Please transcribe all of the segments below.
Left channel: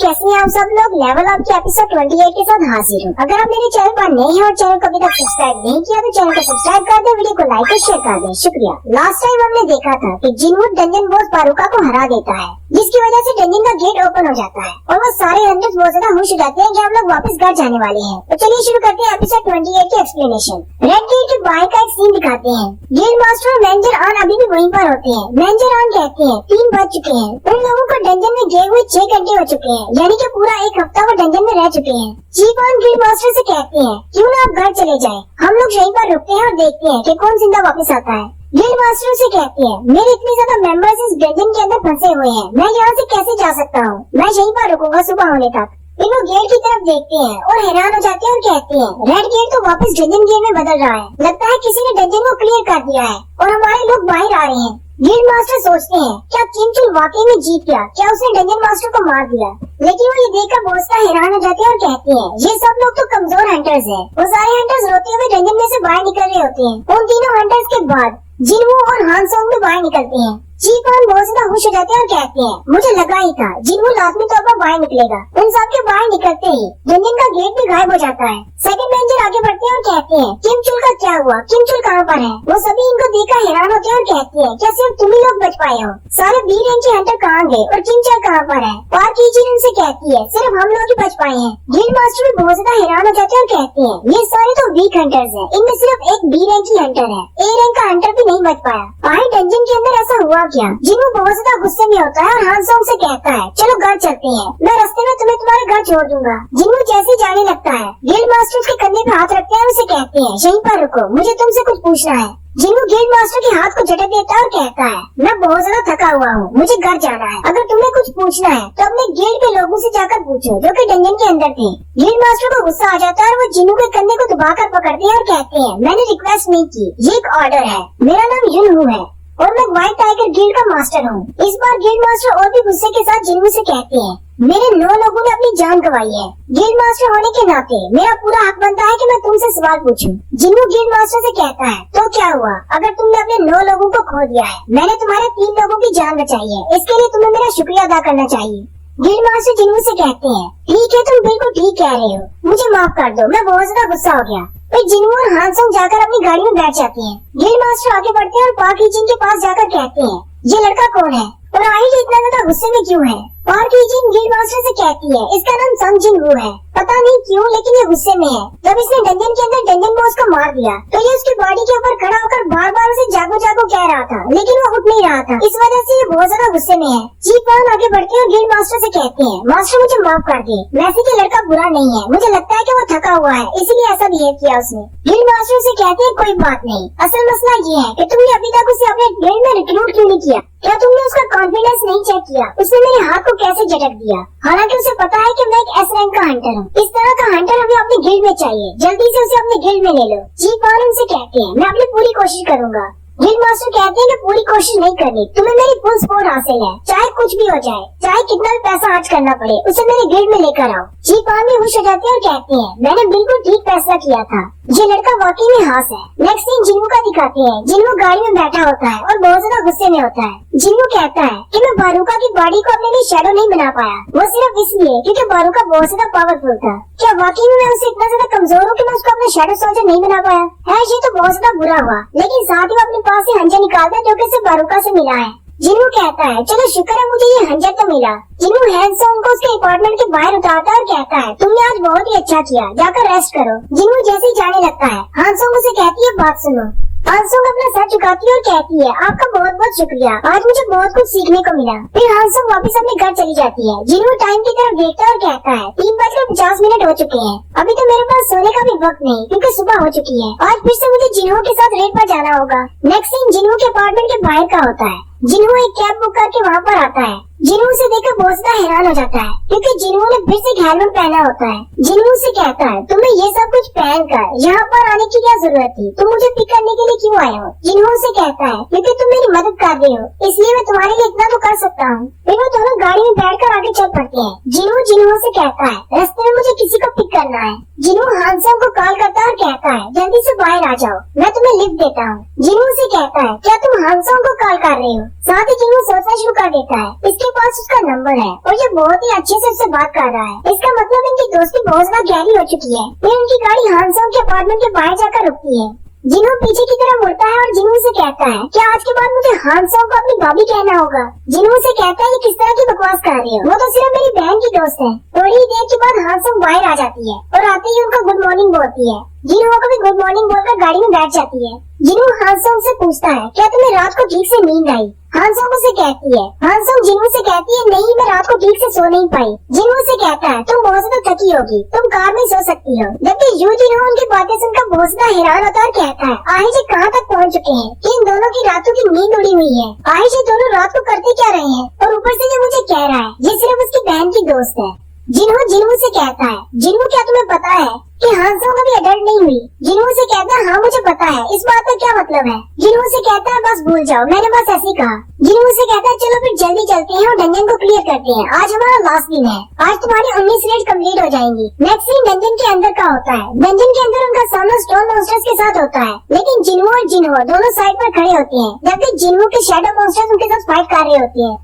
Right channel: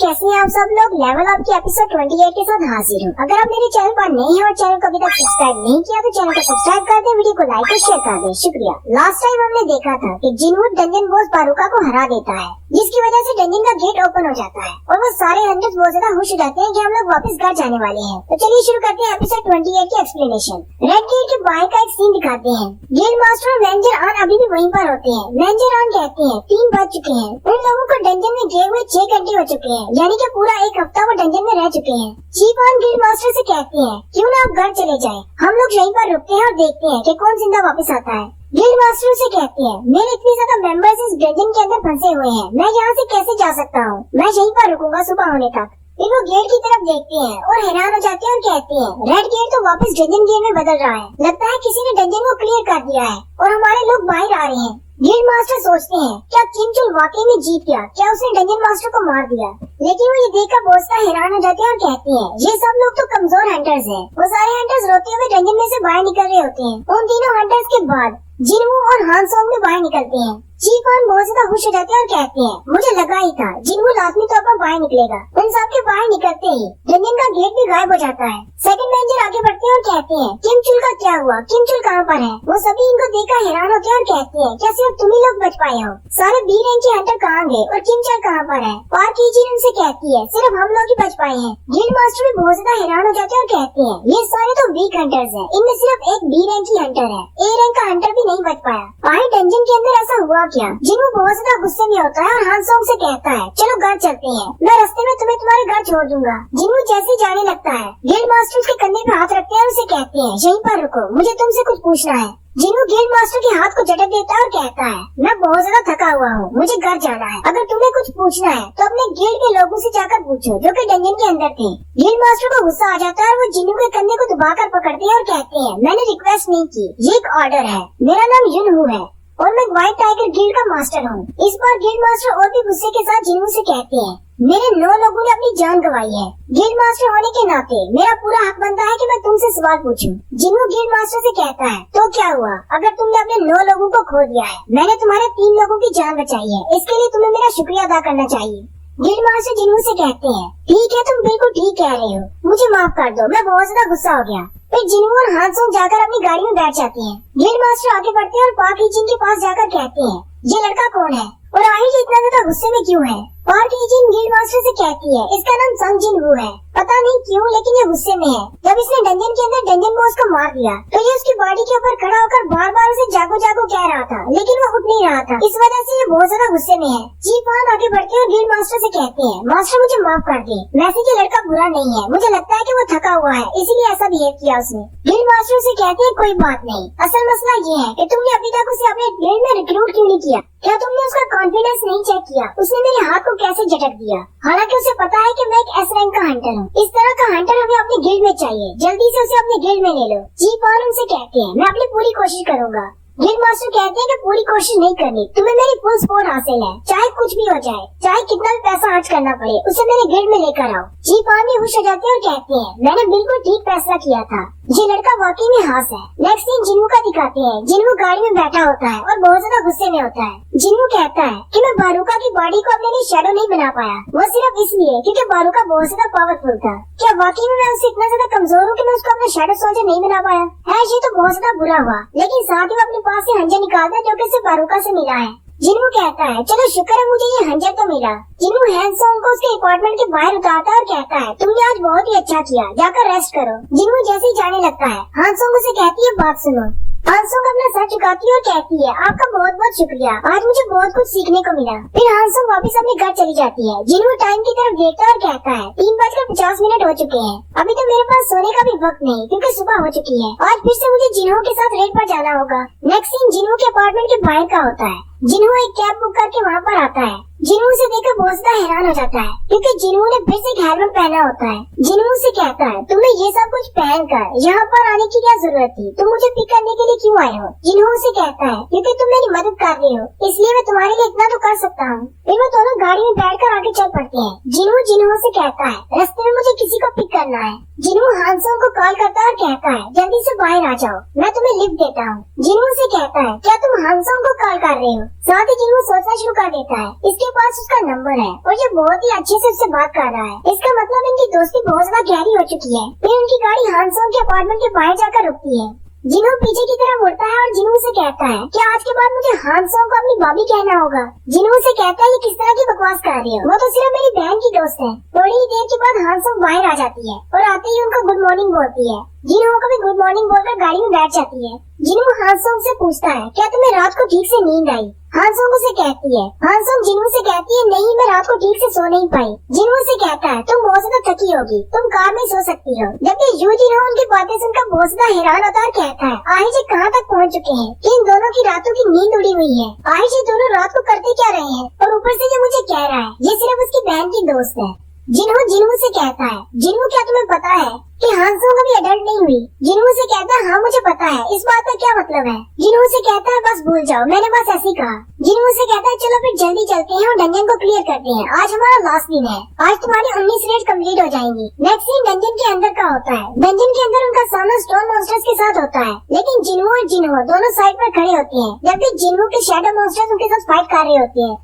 कैसे हैं आप सब लोग। लेवल अप के एपिसोड 28 के साथ हाजिर हूँ। अगर आप मेरे चैनल पर नए हैं और चैनल को अभी तक सब्सक्राइब नहीं किया तो चैनल को सब्सक्राइब कर दे, वीडियो को लाइक और शेयर कर दे, शुक्रिया। लास्ट टाइम हमने देखा था कि जिनवुड डंजन बॉस बारूका को हरा देता है, जिसकी वजह से डंजन का गेट ओपन हो जाता है और वो सारे हंटर्स बहुत ज्यादा खुश हो जाते हैं कि हम लोग वापस घर जाने वाले हैं। तो चलिए शुरू करते हैं एपिसोड 28 की एक्सप्लेनेशन। रेड गेट के बाहर का एक सीन दिखाते हैं। गेट मास्टर और वेंजर आन अभी भी वहीं पर होते हैं। वेंजर आन कहते हैं 3 बज चुके हैं, उन लोगों को डंजन में गए हुए 6 घंटे हो चुके हैं, यानी कि पूरा एक हफ्ता वो डंजन में रह चुके हैं। चीफ आन गिल्ड मास्टर से कहते हैं क्यों ना आप घर चले जाएं, हम लोग यहीं पर रुकते हैं और देखते हैं कि कौन जिंदा वापस आता है। गिल्ड मास्टर से कहते हैं मेरे इतने ज्यादा मेंबर्स इस डंजन के अंदर फंसे हुए हैं, मैं यहाँ से कैसे जा सकता हूँ, मैं यहीं पर रुकूंगा सुबह होने तक। फिर वो गेट की तरफ देखते हैं और हैरान हो जाते हैं और कहते हैं रेड गेट तो वापस डंजन गेट में बदल रहा है, लगता है किसी ने डंजन को क्लियर कर दिया है और हमारे लोग बाहर आ रहे हैं। गिल्ड मास्टर सोचते हैं क्या किम चुल वाकई में जीत गया, क्या उसने डंजन मास्टर को मार दिया। लेकिन वो ये देखकर बहुत सा हैरान हो जाते हैं और कहते हैं ये सब लोग तो कमजोर हंटर्स हैं। वो सारे हंटर्स रोते हुए डंजन में से बाहर निकल रहे होते हैं। उन तीनों हंटर्स के बाद जिनवू और हानसोंग भी बाहर निकलते हैं। चीफ आन बहुत ज्यादा खुश हो जाते हैं और कहते हैं मुझे लगा ही था जिनवू लाजमी तौर पर बाहर निकलेगा। उन सब के बाहर निकलते ही डंजन का गेट भी गायब हो जाता है। सेकंड वेंजर आगे बढ़ते हैं और कहते हैं किम चुल का क्या हुआ, किम चुल कहाँ पर है। वो सभी इनको देखकर हैरान होते हैं और कहते हैं क्या सिर्फ तुम ही लोग बच पाए हो, सारे बी रैंक के हंटर कहाँ गए और किम चुल कहाँ पर है। पार्क ईजिन उनसे कहती है सिर्फ हम लोग ही बच पाए हैं। गिल्ड मास्टर बहुत ज्यादा हैरान हो जाते हैं और कहते हैं ये सारे तो वीक हंटर्स हैं, इनमें सिर्फ एक बी रैंक की हंटर है, ए रैंक का हंटर भी नहीं बच पाया। भाई डंजन के अंदर ऐसा हुआ क्या। जिनवू बहुत ज्यादा गुस्से में होता है और हानसोंग से कहता है चलो घर चलते हैं, मैं रास्ते में तुम्हें तुम्हारे घर छोड़ दूंगा। जिनवू जैसे जाने लगता है गिल्ड मास्टर के कंधे पे हाथ रखते हैं और उसे कहते हैं यहीं पर रुको, मुझे तुमसे कुछ पूछना है। जिनवू गिल्ड मास्टर के हाथ को झटक देता है और कहता है मैं बहुत ज्यादा थका हुआ हूँ, मुझे घर जाना है, अगर तुम्हें कुछ पूछना है तो अपने गिल्ड के लोगों से जाकर पूछो जो कि डंजन के अंदर थे। गिल्ड मास्टर को गुस्सा आ जाता है और वो जिनवू के कंधे को दबाकर पकड़ते हैं और कहते हैं मैंने रिक्वेस्ट नहीं की, ये एक ऑर्डर है, मेरा नाम युनहू है और मैं व्हाइट टाइगर गिल्ड का मास्टर हूँ। इस बार गिल्ड मास्टर और भी गुस्से के साथ जिनवू से कहते हैं मेरे 9 लोगों ने अपनी जान गंवाई है, गिल्ड मास्टर होने के नाते मेरा पूरा हक बनता है कि मैं तुमसे सवाल पूछूं। जिनवू गिल्ड मास्टर से कहता है तो क्या हुआ अगर तुमने अपने 9 लोगों को खो दिया है, मैंने तुम्हारे 3 लोगों की जान बचाई है, इसके लिए तुम्हें मेरा शुक्रिया अदा करना चाहिए। गिल्ड मास्टर जिनवू से कहते हैं ठीक है तुम बिल्कुल ठीक कह रहे हो, मुझे माफ कर दो, मैं बहुत ज्यादा गुस्सा हो गया। फिर जिनवू और हानसोंग जाकर अपनी गाड़ी में बैठ जाते हैं। गिल्ड मास्टर आगे बढ़ते हैं और पार्क ईजिन के पास जाकर कहते हैं ये लड़का कौन है और आई ये इतना ज्यादा गुस्से में क्यों है। पार्क ईजिन गिल्ड मास्टर से कहती है इसका नाम संग जिनवू है, पता नहीं क्यों लेकिन ये गुस्से में है। जब इसने डंजन के अंदर डंजन में उसको मार दिया तो ये उसकी बॉडी के ऊपर खड़ा होकर बार बार उसे जागो जागो कह रहा था, लेकिन वो उठ नहीं रहा था, इस वजह से ये बहुत ज्यादा गुस्से में है। चीफ आन आगे बढ़ते हैं और गिल्ड मास्टर से कहते हैं मास्टर मुझे माफ कर दे, वैसे ये लड़का बुरा नहीं है, मुझे लगता है कि वो थका हुआ है इसीलिए ऐसा बिहेव किया उसने। गिल्ड मास्टर से कहते हैं कोई बात नहीं, असल मसला ये है कि तुमने अभी तक उसे अपने गिल्ड में रिक्रूट क्यों नहीं किया, क्या तुमने उसका कॉन्फिडेंस नहीं चेक किया, उसने मेरे हाथ को कैसे झटक दिया, हालांकि उसे पता है कि मैं एक एस रैंक का हंटर हूँ। इस तरह का हंटर हमें अपने गिल्ड में चाहिए, जल्दी से उसे अपने गिल्ड में ले लो। चीफ आन उनसे कहते हैं मैं अपनी पूरी कोशिश करूंगा। गिल्ड मास्टर कहते हैं कि पूरी कोशिश नहीं करनी, तुम्हें मेरी फुल सपोर्ट हासिल है, चाहे कुछ भी हो जाए, चाहे कितना भी पैसा खर्च करना पड़े, उसे मेरे गिल्ड में लेकर आओ। चीफ आन में खुश हो जाते हैं और कहते हैं मैंने बिल्कुल ठीक फैसला किया था, ये लड़का वाकई में हास है। नेक्स्ट सीन जिनवू का दिखाते हैं। जिनवू गाड़ी में बैठा होता है और बहुत ज्यादा गुस्से में होता है। जिनवू कहता है कि मैं बारूका की बॉडी को अपने लिए शैडो नहीं बना पाया, वो सिर्फ इसलिए क्योंकि बारूका बहुत ज्यादा पावरफुल था। क्या वाकई में मैं उससे इतना ज्यादा कमजोर हूँ कि मैं उसको अपना शैडो सोल्जर नहीं बना पाया है, ये तो बहुत ज्यादा बुरा हुआ, लेकिन साथ ही वो अपने पास से हंजर निकालता है जो कि सिर्फ बारूका से मिला है। जिनवू कहता है चलो शुक्र है मुझे ये हंजर तो मिला। जिनवू हानसोंग को उसके अपार्टमेंट के बाहर उतारता है और कहता है तुमने आज बहुत ही अच्छा किया, जाकर रेस्ट करो। जिनवू जैसे ही जाने लगता है हानसोंग उसे कहती है बात सुनो। हानसोंग अपना सर झुकाती है और कहती है आपका बहुत बहुत शुक्रिया, आज मुझे बहुत कुछ सीखने को मिला। फिर हानसोंग वापस अपने घर चली जाती है। जिनवू टाइम की तरफ देखता है और कहता है 3:50 हो चुके हैं, अभी तो मेरे पास सोने का भी वक्त नहीं क्योंकि सुबह हो चुकी है, आज फिर से मुझे जिन्हो के साथ रेड पर जाना होगा। नेक्स्ट सीन जिन्हो के अपार्टमेंट के बाहर का होता है। जिन्हो एक कैब बुक करके वहाँ पर आता है। जिन्हो से देखकर बहुत ज्यादा हैरान हो जाता है क्योंकि जिन्हो ने फिर से हेलमेट पहना होता है। जिन्हो से कहता है तुम्हें ये सब कुछ पहन कर यहाँ पर आने की क्या जरूरत थी, तुम मुझे पिक करने के लिए क्यों आए हो। जिन्हो से कहता है क्योंकि तुम मेरी मदद कर रहे हो इसलिए मैं तुम्हारे लिए इतना तो कर सकता हूँ। फिर वो दोनों गाड़ी में बैठकर आगे चल पड़ते हैं। जिन्हो से कहता है रास्ते में मुझे किसी को पिक करना है, है। जिन्हू हानसोंग को कॉल करता है और कहता है जल्दी से बाहर आ जाओ, मैं तुम्हें लिफ्ट देता हूँ। जिन्हू से कहता है क्या तुम हानसोंग को कॉल कर रहे हो? साथ ही जिन्हू सोचना शुरू कर देता है इसके पास उसका नंबर है और ये बहुत ही अच्छे से उससे बात कर रहा है। इसका मतलब इनकी दोस्ती बहुत ज्यादा गहरी हो चुकी है। फिर उनकी गाड़ी हानसोंग के अपार्टमेंट के बाहर जाकर रुकती है। जिन्हू पीछे की तरफ मुड़ता है और जिन्हू से कहता है क्या आज के बाद मुझे हानसोंग को अपनी भाभी कहना होगा? जिन्हू से कहता है ये किस तरह की बकवास कर रही हो, वो तो सिर्फ मेरी बहन की दोस्त है। थोड़ी ही देर के बाद हानसोंग बाहर आ जाती है और आते ही उनको गुड मॉर्निंग बोलती है। जिन्हू को भी गुड मॉर्निंग बोलकर गाड़ी में बैठ जाती है। जिन्हू हानसोंग से पूछता है क्या तुम्हें रात को ठीक से नींद आई? हानसोंग उसे कहती है हानसोंग जिन्हू से कहती है नहीं, मैं रात को ठीक से सो नहीं पाई। जिन्हू से कहता है तुम बहुत ज्यादा थकी होगी, तुम कार में सो सकती हो। जबकि यू जिन्हू उनकी बातें सुनकर बहुत ज्यादा हैरान होता है और कहता है आहिश कहाँ तक पहुँच चुके हैं कि इन दोनों की रातों की नींद उड़ी हुई है। आहिश दोनों रात को करते क्या रहे हैं और ऊपर से ये मुझे कह रहा है ये सिर्फ उसकी बहन की दोस्त है। जिन्हू से कहता है जिन्हू क्या तुम्हें पता है कि हानसोंग कभी अडल्ट नहीं हुई? जिन्हू से कहता है हाँ मुझे पता है, इस बात का क्या मतलब है? जिन्हू से कहता है बस भूल जाओ, मैंने बस ऐसे ही कहा। जिन्हू से कहता है चलो फिर जल्दी चलते हैं और डंजन को क्लियर करते हैं, आज हमारा लास्ट दिन है। आज तुम्हारी 19 रेड कंप्लीट हो जाएंगी। नेक्स्ट सीन डंजन के अंदर का होता है। डंजन के अंदर उनका सामना स्टोन मॉन्स्टर्स के साथ होता है, लेकिन जिन्हू और जिन्हू दोनों साइड पर खड़े होते हैं जबकि जिन्हू के शैडो मॉन्स्टर्स उनके साथ फाइट कर रहे होते हैं।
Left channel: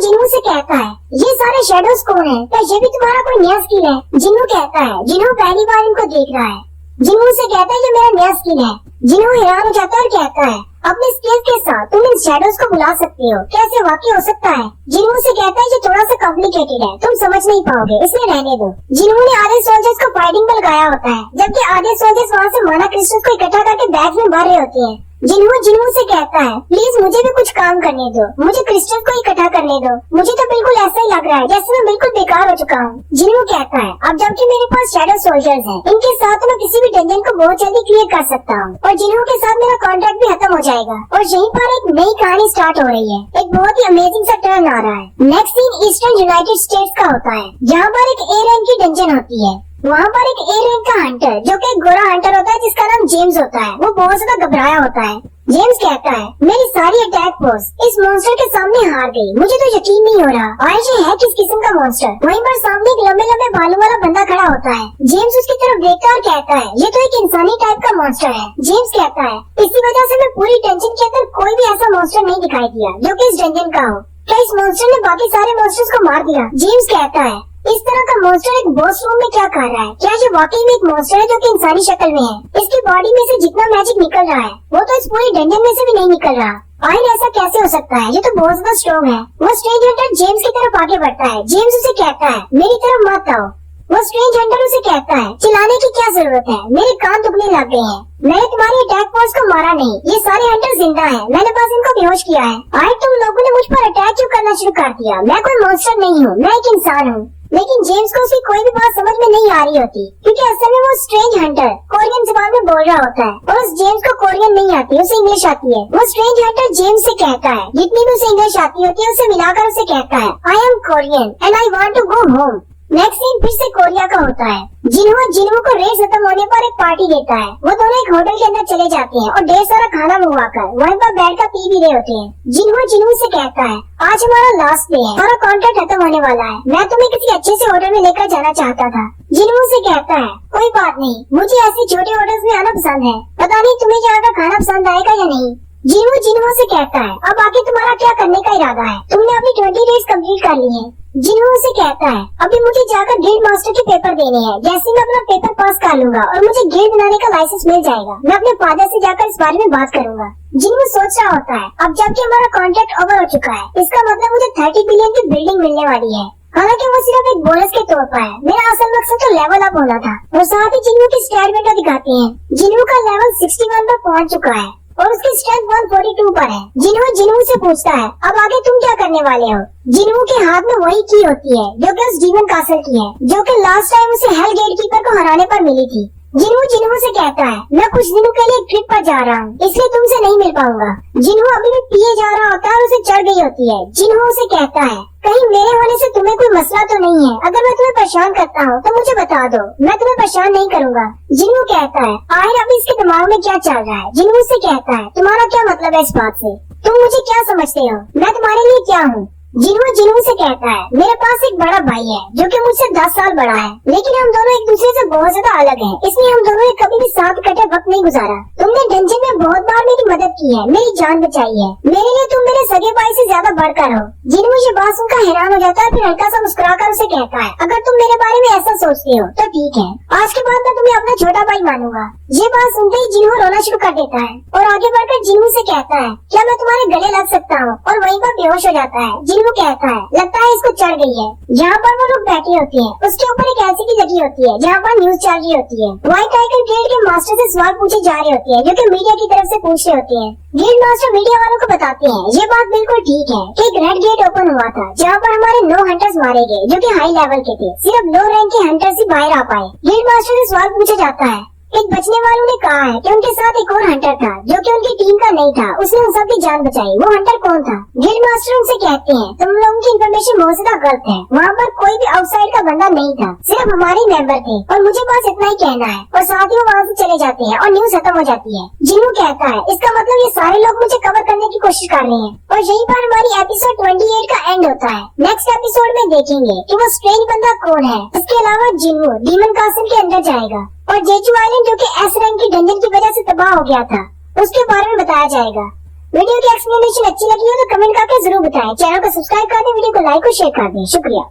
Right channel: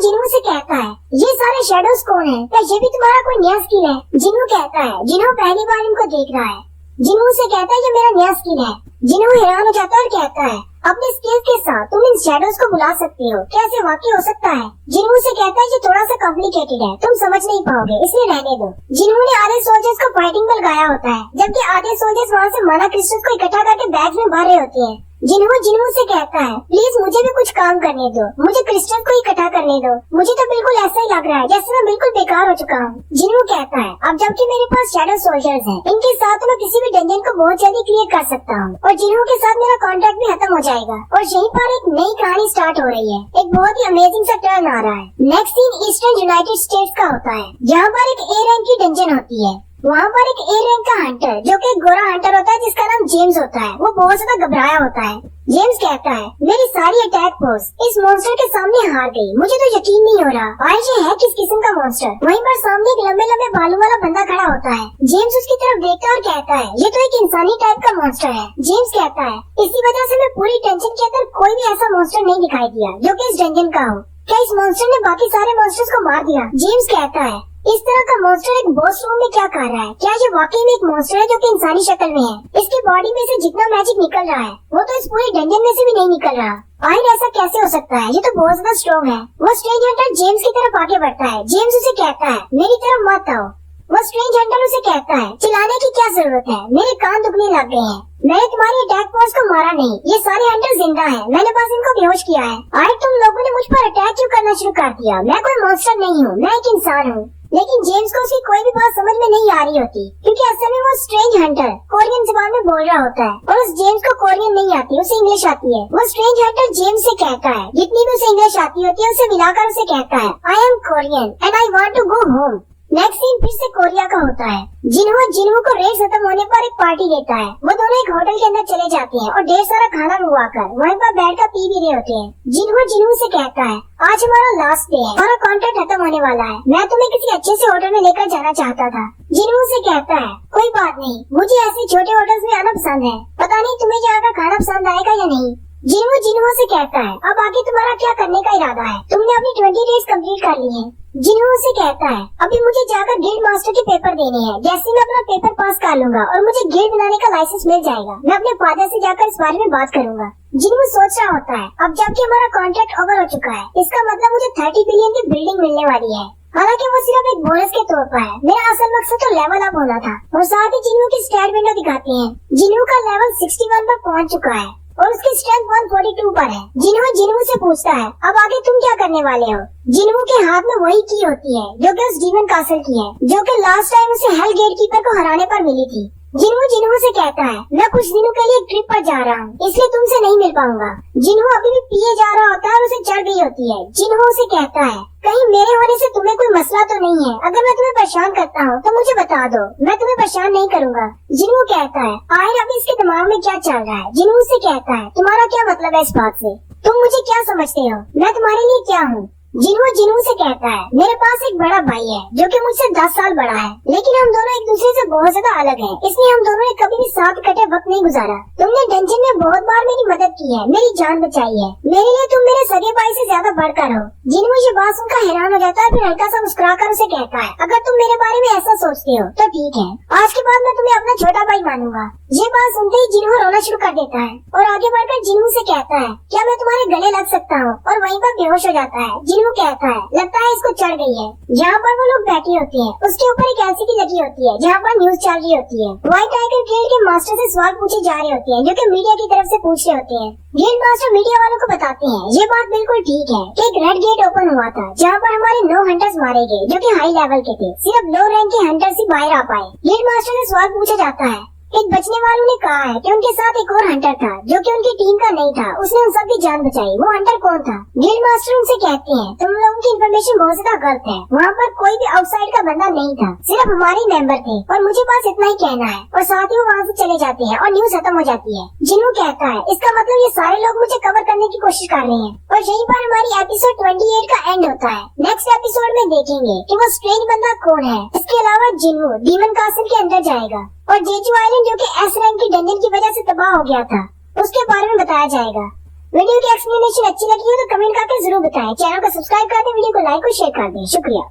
जिन्हू से कहता है ये सारे शैडोज कौन है? क्या ये भी तुम्हारा कोई नया स्किल है? जिन्हू कहता है जिन्हू पहली बार इनको देख रहा है। जिन्हू से कहता है ये मेरा नया स्किल है। जिन्हू हैरान हो जाता है और कहता है अपने स्किल के साथ तुम इन शैडोज को बुला सकती हो, कैसे वाकई हो सकता है? जिन्हू से कहता है ये थोड़ा सा कॉम्प्लिकेटेड है, तुम समझ नहीं पाओगे, इसलिए रहने दो। जिन्हू ने आधे सोल्जर्स को फाइटिंग में लगाया होता है जबकि आधे सोल्जर्स वहाँ से माना क्रिस्टल्स को इकट्ठा करके बैग में भर रहे होते हैं। जिन्हू से कहता है प्लीज मुझे भी कुछ काम करने दो, मुझे क्रिस्टल को इकट्ठा करने दो, मुझे तो बिल्कुल ऐसा ही लग रहा है जैसे मैं बिल्कुल बेकार हो चुका हूँ। जिन्हू कहता है अब जबकि मेरे पास शैडो सोल्जर्स हैं, इनके साथ मैं किसी भी डंजन को बहुत जल्दी क्लियर कर सकता हूँ और जिन्हू के साथ मेरा कॉन्ट्रैक्ट भी खत्म हो जाएगा और यहीं पर एक नई कहानी स्टार्ट हो रही है। एक बहुत ही अमेजिंग सा टर्न आ रहा है। Next scene eastern United States का होता है जहाँ पर एक ए रैंक की डंजन होती है। वहाँ पर एक ए रैंक का हंटर जो कि एक गोरा हंटर होता है जिसका नाम जेम्स होता है, वो बहुत ज्यादा घबराया होता है। जेम्स कहता है मेरी सारी अटैक फोर्स इस मॉन्स्टर के सामने हार गई, मुझे तो यकीन नहीं हो रहा आयश है किस किस्म का मॉन्स्टर। वहीं पर सामने एक लंबे लंबे बालों वाला बंदा खड़ा होता है। जेम्स उसकी तरफ देखता है और कहता है ये तो एक इंसानी टाइप का मॉन्स्टर है। जेम्स कहता है इसी वजह से मैं पूरी टेंशन के अंदर कोई भी ऐसा मॉन्स्टर नहीं दिखाई दिया जो कि इस डंजन का हो। क्या इस मॉन्स्टर ने बाकी सारे मॉन्स्टर्स को मार दिया? जेम्स कहता है इस तरह का मॉन्स्टर एक बॉस रूम में क्या कर रहा है? क्या ये वाकई में एक मॉन्स्टर है जो कि इंसानी शक्ल में है? इसकी बॉडी में से जितना मैजिक निकल रहा है वो तो इस पूरी डंजन में से भी नहीं निकल रहा। आखिर ऐसा कैसे हो सकता है? ये तो बहुत ज्यादा स्ट्रॉन्ग है। वो स्ट्रेंज हंटर जेम्स की तरफ आगे बढ़ता है। जेम्स उसे कहता है मेरी तरफ मत आओ। वो स्ट्रेंज हंटर उसे कहता है चिल्लाने की क्या जरूरत है, मेरे कान दुखने लग गए हैं। मैंने तुम्हारी अटैक फोर्स को मारा नहीं, ये सारे हंटर जिंदा हैं, मैंने बस इनको बेहोश किया है। आए तुम लोगों ने मुझ पर अटैक क्यों करना शुरू कर दिया? मैं कोई मॉन्स्टर नहीं हूँ, मैं एक इंसान हूँ। लेकिन जेम्स को उसकी कोई भी बात समझ में नहीं आ रही होती क्योंकि असल में वो स्ट्रेंज हंटर कोरियन जुबान में बोल रहा होता है और उस जेम्स को कोरियन नहीं आती, उसे इंग्लिश आती है। वो स्ट्रेंज हंटर जेम्स से कहता है जितनी भी उसे इंग्लिश आती होती है उसे मिलाकर उसे कहता है I am Korean and I want to go home. Next scene फिर से कोरिया का होता है। जिन्हू को रेस खत्म होने पर एक पार्टी देता है। वो दोनों एक होटल के अंदर चले जाते हैं और ढेर सारा खाना मंगवाकर वहीं पर बैठकर पी भी रहे होते हैं। जिन्हू से कहता है आज हमारा लास्ट डे है, हमारा कॉन्ट्रैक्ट खत्म होने वाला है, मैं तुम्हें किसी अच्छे से होटल में लेकर जाना चाहता था। जिन्हू से कहता है कोई बात नहीं, मुझे ऐसे छोटे होटल्स में आना पसंद है, पता नहीं तुम्हें यहाँ का खाना पसंद आएगा या नहीं। जिन्हू से कहता है अब आगे तुम्हारा क्या करने का इरादा है? तुमने अपनी 20 डेज कंप्लीट कर ली है। जिन्हू से कहता है अभी मुझे जाकर गिल्ड मास्टर के पेपर देने हैं, जैसे मैं अपना पेपर पास कर लूंगा और मुझे गिल्ड बनाने का लाइसेंस मिल जाएगा, मैं अपने फादर से जाकर इस बारे में बात करूंगा। जिन्हू सोच रहा होता है अब जबकि हमारा कॉन्ट्रैक्ट ओवर हो चुका है, इसका मतलब मुझे 30 बिलियन की बिल्डिंग मिलने वाली है। हालांकि वो सिर्फ एक बोनस के तौर पर है, मेरा असल मकसद तो लेवल अप होना था। और साथ ही जिन्हू की स्टैट विंडो दिखाते हैं। जिन्हू का लेवल 61 पर पहुंच चुका है और उसकी स्ट्रेंथ 142 पर है। जिन्हू से पूछता है अब आगे तुम क्या करने वाले हो? जिन्हू के हाथ में वही की होती है जो कि उस डीमन कासल की है, जो कि लास्ट टाइम उसे हेल गेट कीपर को हराने पर मिली थी। जिन्हू से कहता है मैं कुछ दिनों के लिए ट्रिप पर जा रहा हूँ, इसलिए तुमसे नहीं मिल पाऊंगा। जिन्हू अभी भी पिए जा रहा होता है और उसे चढ़ गई होती है। जिन्हू से कहता है कहीं मेरे होने से तुम्हें कोई मसला तो नहीं है? अगर मैं तुम्हें परेशान करता हूँ तो मुझे बता दो, मैं तुम्हें परेशान नहीं करूँगा। जिन्हू कहता है आखिर अभी इसके दिमाग में क्या चल रहा है? जिन्हू से कहता है तुम्हारा क्या मतलब है इस बात से? तुम मुझे क्या समझते हो? मैं तुम्हारे लिए क्या हूँ? जिन्हों से कहता है मेरे पास एक बड़ा भाई है जो कि मुझसे 10 साल बड़ा है, लेकिन हम दोनों एक दूसरे से बहुत ज्यादा अलग हैं, इसलिए हम दोनों ने कभी भी साथ इकट्ठे वक्त नहीं गुजारा। तुमने डंजन में बहुत बार मेरी मदद की है, मेरी जान बचाई है, मेरे लिए तुम मेरे सगे भाई से ज्यादा बढ़कर हो। जिन्हों ये बात सुनकर हैरान हो जाता है, फिर हल्का सा मुस्कुराकर उसे कहता है अगर तुम मेरे बारे में ऐसा सोचते हो तो ठीक है, आज के बाद मैं तुम्हें अपना छोटा भाई मानूंगा। ये बात सुनते ही जिन्हों रोना शुरू कर देता है और आगे बढ़कर जिन्हों से कहता है क्या मैं तुम्हारे गले लग सकता हूँ, और वहीं पर बेहोश हो जाता है। जिन्हों कहता है लगता है इसको चढ़ गई है। जहाँ पर वो लोग बैठे होते हैं उसके ऊपर एक एलसीडी लगी होती है जहाँ पर न्यूज चल रही होती है। व्हाइट टाइगर गिल्ड के मास्टर से सवाल पूछे जा रहे होते हैं जो कि मीडिया की तरफ से पूछ रहे होते हैं। गिल्ड मास्टर मीडिया वालों को बताते हैं ये बात बिल्कुल ठीक है कि एक रेड गेट ओपन हुआ था जहाँ पर हमारे 9 हंटर्स मारे गए जो कि हाई लेवल के थे, सिर्फ लो रैंक के हंटर्स ही बाहर आ पाए। गिल्ड मास्टर से सवाल पूछा जाता है, एक बचने वालों ने कहा है कि उनके साथ एक और हंटर था जो कि उनकी टीम का नहीं था, उसने उन सबकी जान बचाई। वो हंटर कौन था? गिल्ड मास्टर उनसे कहते हैं तुम लोगों की इन्फॉर्मेशन बहुत ज्यादा गलत है, वहाँ पर कोई भी आउटसाइड का बंदा नहीं था, सिर्फ हमारे मेंबर थे और मुझे बस इतना ही कहना है। और साथ ही वो वहाँ से चले जाते हैं और न्यूज खत्म हो जाती है। जिन्हों कहता है इसका मतलब ये सारे लोग मुझे कवर करने की कोशिश कर रहे हैं, और यहीं पर हमारी एपिसोड 28 का एंड होता है। नेक्स्ट एपिसोड में देखेंगे कि वो स्ट्रेंज बंदा कौन है। इसके अलावा जिन्हों डीमन कासल के अंदर जाएगा और जेचू आइलैंड जो कि एस रैंक के डंजन की वजह से तबाह हो गया था उसके बारे में बताया जाएगा। वीडियो की एक्सप्लेनेशन अच्छी लगी हो तो कमेंट करके जरूर बताएं। चैनल को सब्सक्राइब कर दें, वीडियो को लाइक और शेयर कर दें। शुक्रिया।